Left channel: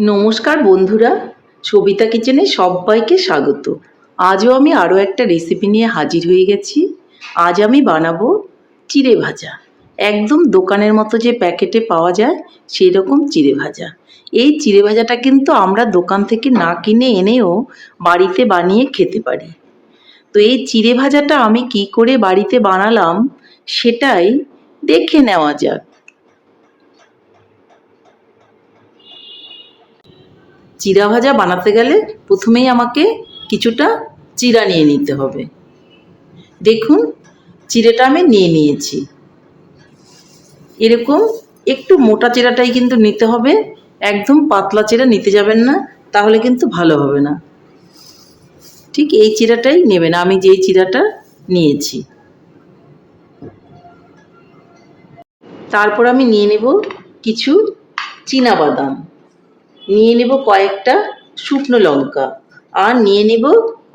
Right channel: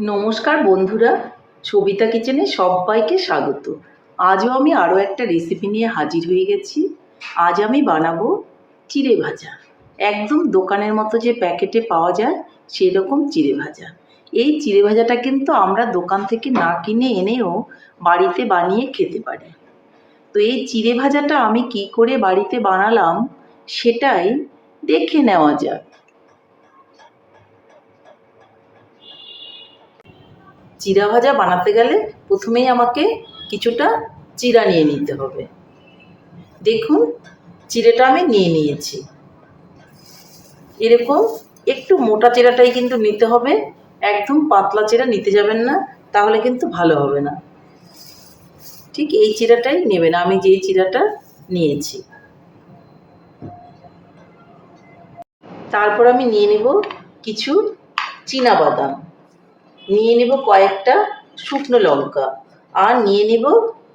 নমস্কার বন্ধুরা, সবিতা কিচেনে সবাইকে স্বাগত। আজও আমি আরও একটা রেসিপি নিয়ে হাজির হয়ে গেছি। আজ আমি বানাবো চিড়ে ভাজা। একদম দোকানের মতো যে প্যাকেটে পাওয়া যায় সেই রকম চিড়ে ভাজা। এই চিড়ে ভাজাটা কিন্তু আমরা দোকান থেকে না কিনে এনেও বাড়িতে বানিয়ে খেতে পারি। তো এই চিড়ে ভাজাটা আমি কি করে বাড়িতে বানালাম, সেটাই দেখে নেওয়া যাক। চিড়া ভাজা বানাতে গেলে প্রথমেই আমাকে কিছুটা চিড়া নিয়ে নিতে হবে। দেখুন চিড়েটা আমি নিয়ে নিয়েছি। এরকম একটু মোটা চিড়াটাই কিন্তু নিতে হবে। একদম পাতলা চিড়া নিতে যাবেন না, তাহলে কিন্তু ভালো হবে না। ঠিক এই চিড়াটাই নেবেন, আমি যেই চিড়াটা নিয়েছি। তারপর আমি নিয়ে নেব কিছু চীনা বাদাম। নিয়ে নেব কয়েকটা শুকনো লঙ্কা আর নিয়ে নেব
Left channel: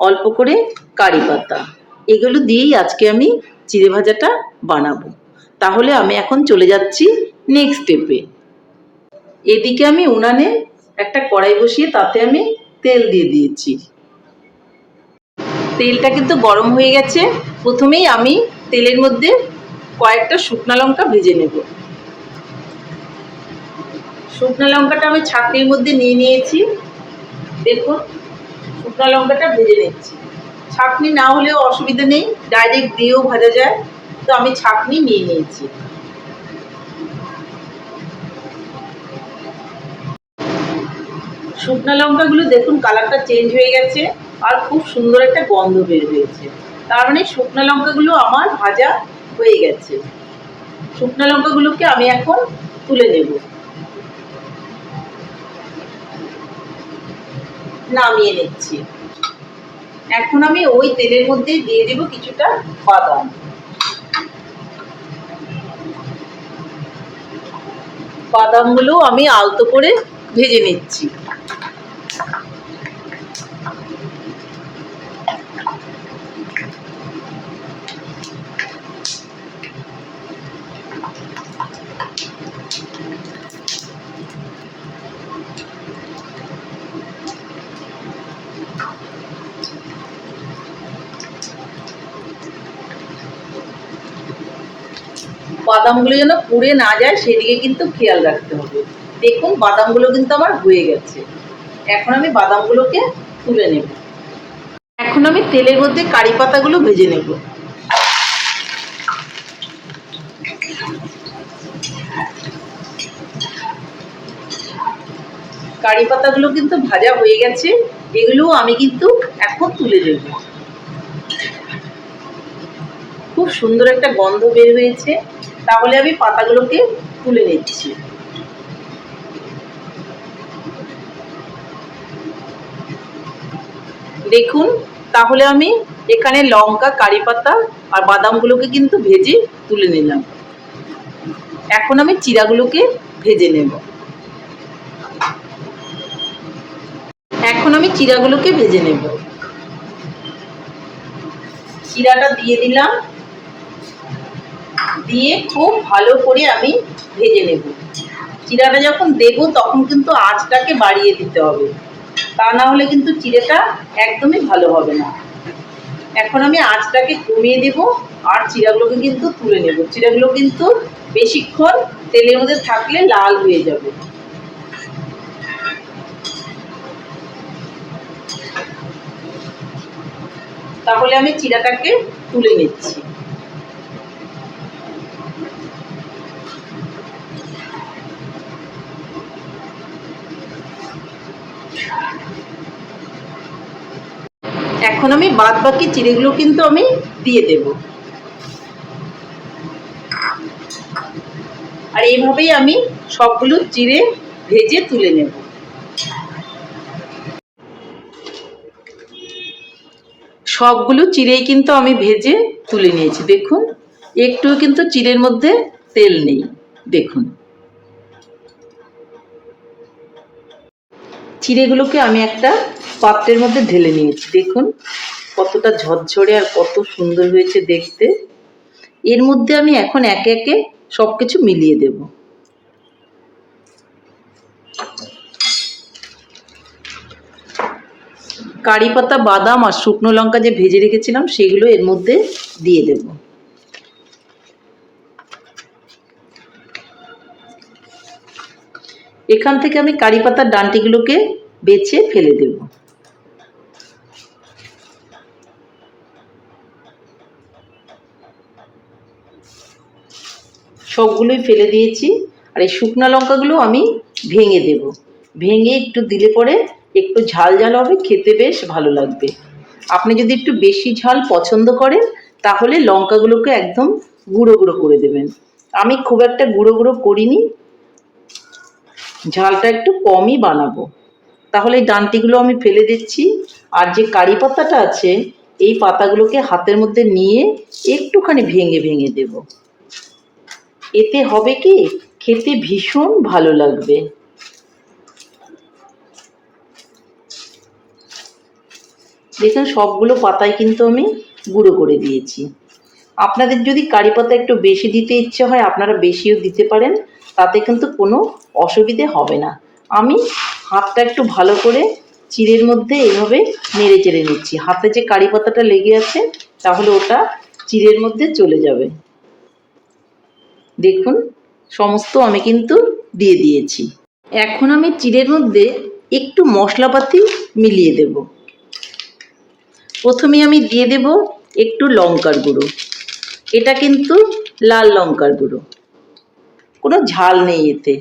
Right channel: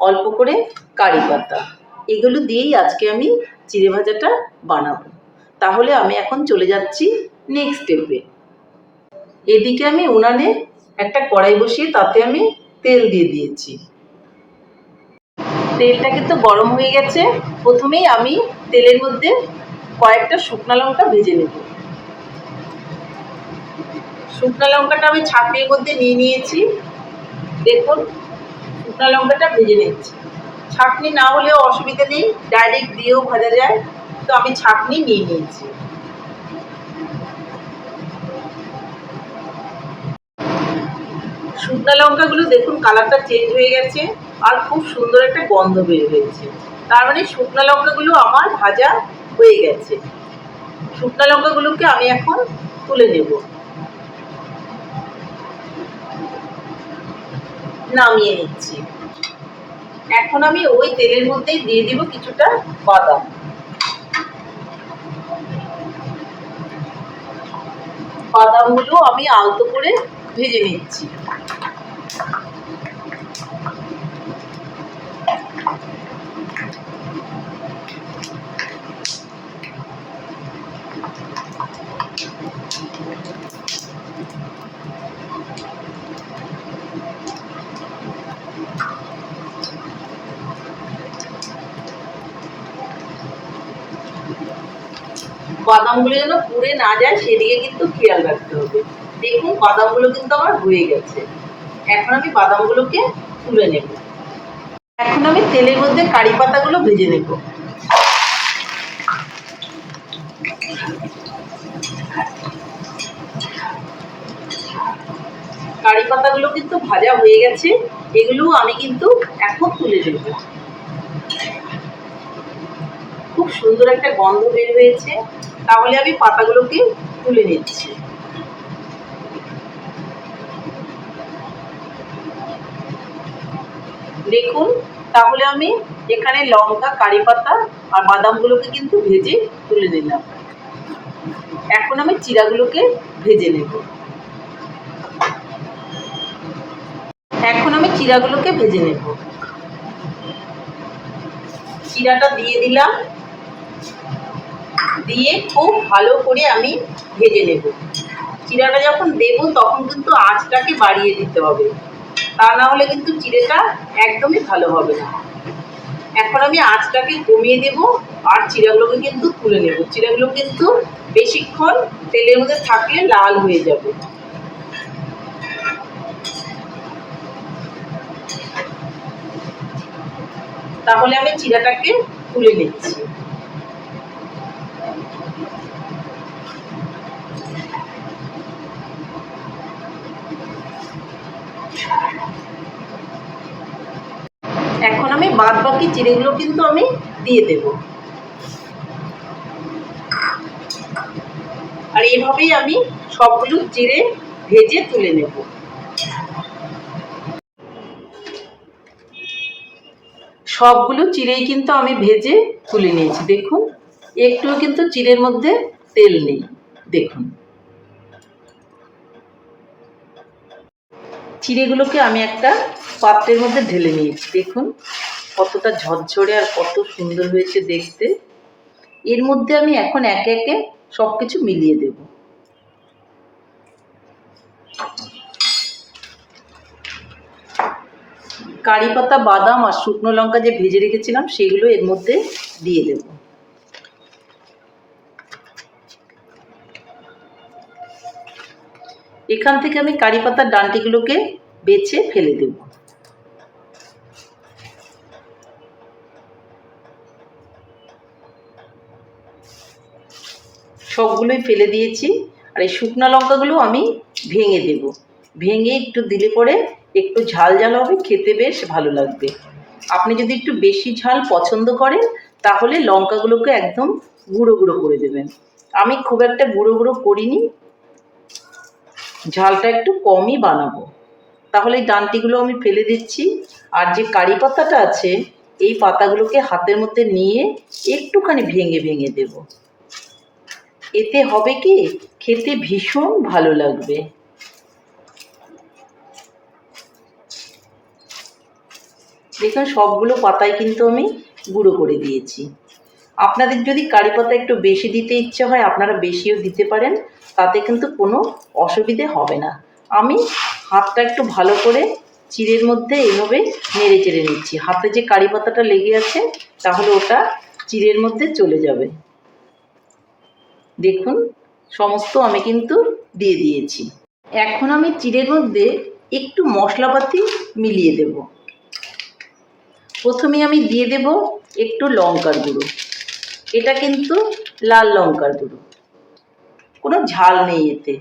অল্প করে কারি পাতা। এগুলো দিয়েই আজকে আমি চিড়ে ভাজাটা বানাবো। তাহলে আমি এখন চলে যাচ্ছি নেক্সট স্টেপে এদিকে আমি উনানে একটা কড়াই বসিয়ে তাতে আমি তেল দিয়ে দিয়েছি। তেলটা কিন্তু গরম হয়ে গেছে। প্রথমেই আমি তেলের মধ্যে কয়েকটা শুকনো লঙ্কা ভেজে নেব। শুকনো লঙ্কাটা আমি ছাকনির মধ্যে নিয়ে নিয়েছি। দেখুন, শুকনো লঙ্কাটা ভেজে নিচ্ছি। ছাকনি না হলেও অসুবিধা নেই, ডাইরেক্ট দিয়েও ভাজা যায়। তো আমি ছাকনি নিয়ে নিয়েছি। শুকনো লঙ্কাগুলো দেখুন, কালারটা চেঞ্জ হয়ে গেছে আর খুব সুন্দর একটা গন্ধ বের হয়েছে। তার মানে শুকনো লঙ্কাগুলো আমার ভাজা হয়ে গেছে। শুকনো লঙ্কাগুলোকে আমি এখন তুলে নেব। নামিয়ে নিচ্ছি। এখন আমি ওই তেলের মধ্যে দিয়ে দেব কিছুটা বাদাম। বাদামগুলো আমি আলতো করে ভেজে নিচ্ছি। বাদামগুলো যেন পুড়ে না যায়, সেদিকে কিন্তু খেয়াল রাখতে হবে। দেখুন, বাদামগুলো কিন্তু আমার হয়ে গেছে। এখন আমি বাদামগুলোকে তুলে নেব। এখন আমি তেলের মধ্যে কারি পাতাগুলো ভেজে নেব। কারি পাতাগুলো কিন্তু ভাজা হয়ে গেছে। এগুলো আমি কিন্তু এখন তুলে নেব। খুব সুন্দর একটা গন্ধ বের হয়েছে। তাহলে আমি পাতাগুলোকে তুলে নিচ্ছি। দেখুন, তাহলে আমি এখানে লঙ্কা, কারি পাতা আর বাদামগুলোকে কিন্তু ভেজে তুলে নিলাম। এখন আমি চিরাগুলোকে ভেজে নেব। এখন আমি চিরাগুলোকে ভেজে নেব। চিরাটা দিয়ে দিলাম। দিয়ে খুব ভালো করে আমি ভেজে নেব। চিরাটা যখন দেব, তখন কিন্তু আঁচটাকে বাড়িয়ে দিতে হবে। তা না হলে কিন্তু চিড়েটা একদমই ভালো হবে না। এখন আমি আঁচটাকে কমিয়ে দেব আর চিড়াগুলোকে কিন্তু তুলে নেব। চিড়াগুলো কিন্তু বেশিক্ষণ তেলের মধ্যে থাকলে লাল হয়ে যাবে। তাহলে আমি চিড়াটাকে তুলে নিচ্ছি। এখন আমি বাদ বাকি চিড়েগুলো কিন্তু আমি দিয়ে দেব। আর এইভাবেই আমি সবগুলো চিড়ে ভেজে তুলে নেব। সবগুলো চিড়েই কিন্তু আমি ভেজে তুলে নিয়েছি। দেখুন, একটুও কিন্তু চিড়ের মধ্যে তেল নেই। দেখুন। চিড়েগুলোকে আমি একটা পাত্রের মধ্যে ঢেলে নিয়েছি। দেখুন, কতটা ঝরঝরে আর কত সুন্দর হয়েছে দেখতে। এর মধ্যে আমি এখন একে একে সব কিছু মিলিয়ে দেব। কারি পাতা, বাদাম আর শুকনো লঙ্কা যে ভেজে রেখেছিলাম, সেগুলো এর মধ্যে দিয়ে দেবো। এখান থেকে আমি কারি পাতার ডান্টিগুলোকে বেছে ফেলে দেব। সবগুলোই ফেলে দিয়েছি আর এই শুকনো লঙ্কাগুলো আমি ভেঙে দেব। ভেঙে একটু দিলে পরে একটু ঝাল ঝাল হবে, খেতে বেশ ভালো লাগবে। আপনি যদি একটু বেশি ঝাল পছন্দ করেন, তাহলে লঙ্কাগুলোকে একদম গুঁড়ো গুঁড়ো করে দেবেন। আমি খুব একটা গুঁড়ো গুঁড়ো করিনি ঝালটা একটু কমই বানাবো। তাহলে এই ডান্টিগুলো আমি ফেলে দিচ্ছি। আর যে কারি পাতাটা আছে, এই পাতাগুলোকে হাতের মধ্যে নিয়ে একটুখানি ভেঙে ভেঙে দেব। এতে হবে কি? খেতে ভীষণ ভালো লাগবে। দেখুন, সবগুলো পাতায় কিন্তু আমি গুঁড়ো করে দিয়েছি। আপনাদের যদি কারি পাতা একটু বেশি দিতে ইচ্ছে হয়, আপনারা বেশিও দিতে পারেন। তাতে কিন্তু কোনো অসুবিধে হবে না। আমি হাতটা একটু ভালো করে চিড়ের মধ্যে এইভাবে নেড়ে চেড়ে নিচ্ছি। হাতে যে কারি পাতাটা লেগে আছে, তাহলে ওটা চিড়ের মধ্যে চলে যাবে। দেখুন, সমস্ত আমি কিন্তু দিয়ে দিয়েছি। এখন আমি চিড়ের মধ্যে একটু মশলাপাতি মিলিয়ে দেব। প্রথমে আমি দিয়ে দেব একটু লঙ্কার গুঁড়ো। এটা কিন্তু লাল লঙ্কার গুঁড়ো। কোনো ঝাল নেই এতে।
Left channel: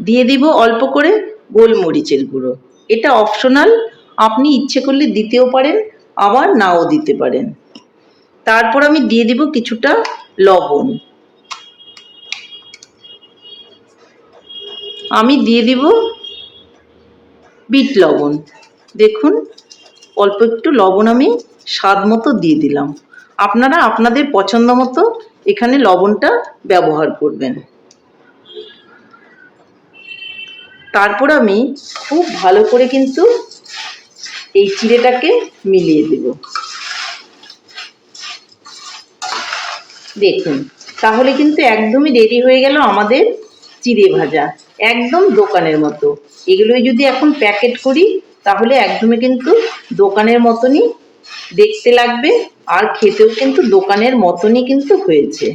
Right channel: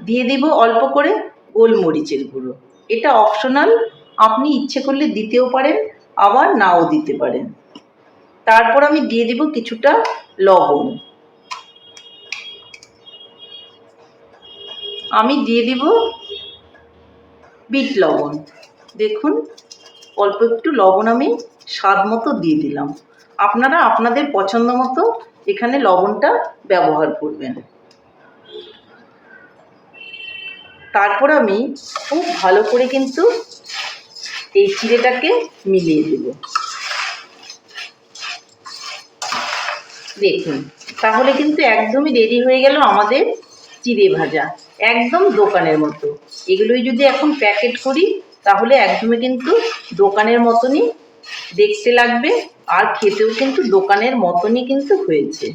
দিয়ে দিব অল্প করে গোলমরিচের গুঁড়ো। এটা অপশনাল আপনি ইচ্ছে করলে দিতেও পারেন, আবার নাও দিতে পারেন। তারপর আমি দিয়ে দিব কিছুটা লবণ। আমি দিয়ে দিব বিট লবণ। দেখুন, অল্প একটু লবণ আমি স্বাদ মতো দিয়ে দিলাম। আপনারা আপনাদের পছন্দ মতো এখানে লবণটা ব্যবহার করবেন। তারপর আমি খুব ভালো করে কিন্তু এই চিড়েটাকে মিলিয়ে দেব। দেখুন, তাহলে কিন্তু একদমই রেডি হয়ে গেল আমাদের চিড়ে ভাজা, একদম দোকানের মতো। এগুলোই যদি এখন প্যাকেট করি, তাহলে একদমই কিন্তু দোকানের মতনই দেখতে লাগবে, আর খেতেও কিন্তু দোকানের মতনই কিন্তু হয়েছে।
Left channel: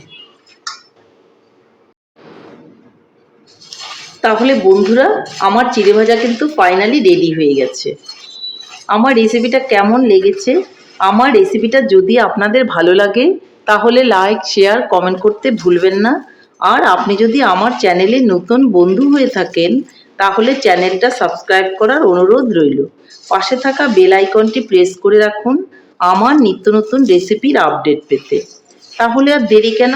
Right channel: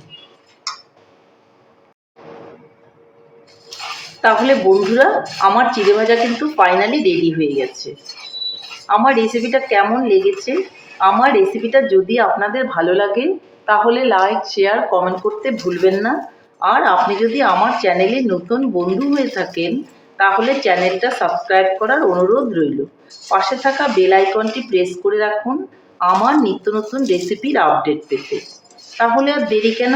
তাহলে বন্ধুরা, আমার চিড়ে ভাজা কিন্তু ফাইনালি রেডি হয়ে গেছে। আমার রেসিপিটা কেমন লেগেছে? আমার রেসিপিটা যদি আপনাদের ভালো লাগে, তাহলে লাইক শেয়ার কমেন্ট করতে ভুলবেন না। আর আপনি যদি আমার চ্যানেলে নতুন বন্ধু হয়ে থাকেন, তাহলে চ্যানেলটা সাবস্ক্রাইব করার অনুরোধ রইল। পাশে থাকা বেল আইকনটি প্রেস করে রাখুন আমার নিত্য নতুন রেসিপির আপডেট পেতে। তাহলে আর দেরি কেন?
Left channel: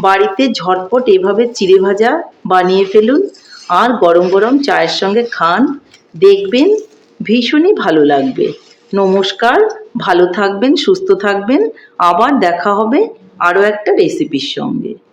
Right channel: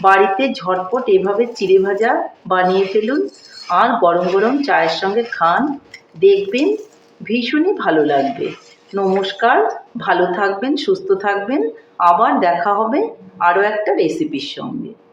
বাড়িতে ঝটপট এভাবে চিড়ে ভাজা বানিয়ে ফেলুন। আর গরম গরম চায়ের সঙ্গে খান, দেখবেন ভীষণই ভালো লাগবে। নমস্কার, ভালো থাকবেন, সুস্থ থাকবেন। আবার দেখা হবে আরও একটা রেসিপির সঙ্গে।